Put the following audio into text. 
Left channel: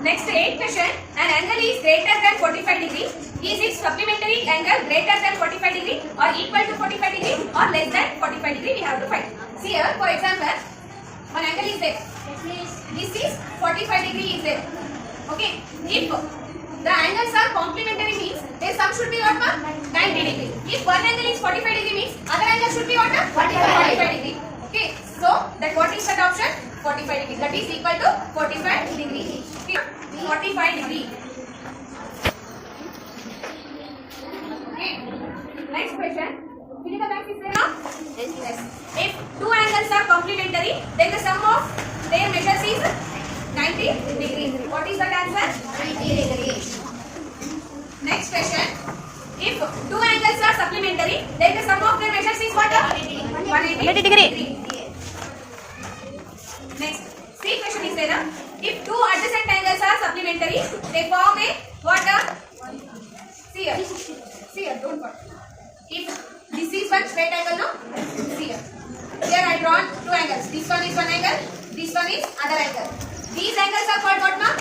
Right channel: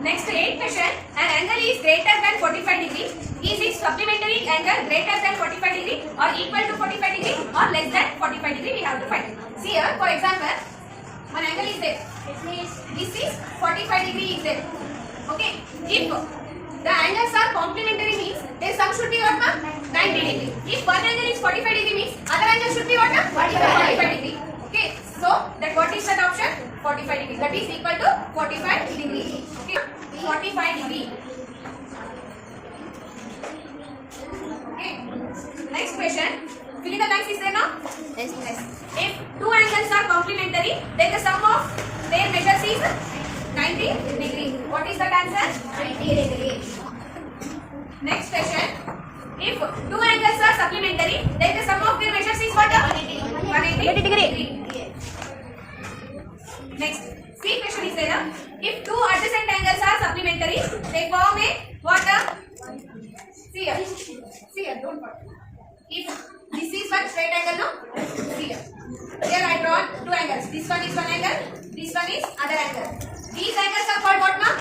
Next 8th question. An angle is greater than 45 degree. Is its supplementary angle greater than 45 degree or equal to 45 degree or less than 45 degree? We have to find. See here, for example, one angle is there. This is 45 degree is there. Okay. If the angles are complementary means their sum should be what? 90 degree. If one angle is 45 degree means other angle should be what? 45 degree. Okay. So that what is that option? 45 degree. That is equal to 45 degree. Okay. 45 degree. Okay. Next question. Fill in the blanks is there now? Yes. If two angles are complementary, then the sum of their measures is 90 degree. What is that answer? 90 degree. Next question. If two angles are supplementary, then the sum of their measures is what? 180 degree. Next. See question is there. If two adjacent angles are supplementary, they form a what? See here. See here. Don't put. If this is one straight angle, no? See here. Here I drawn two angles. This one is one angle. This one is other angle. These angles are called what, ma'am?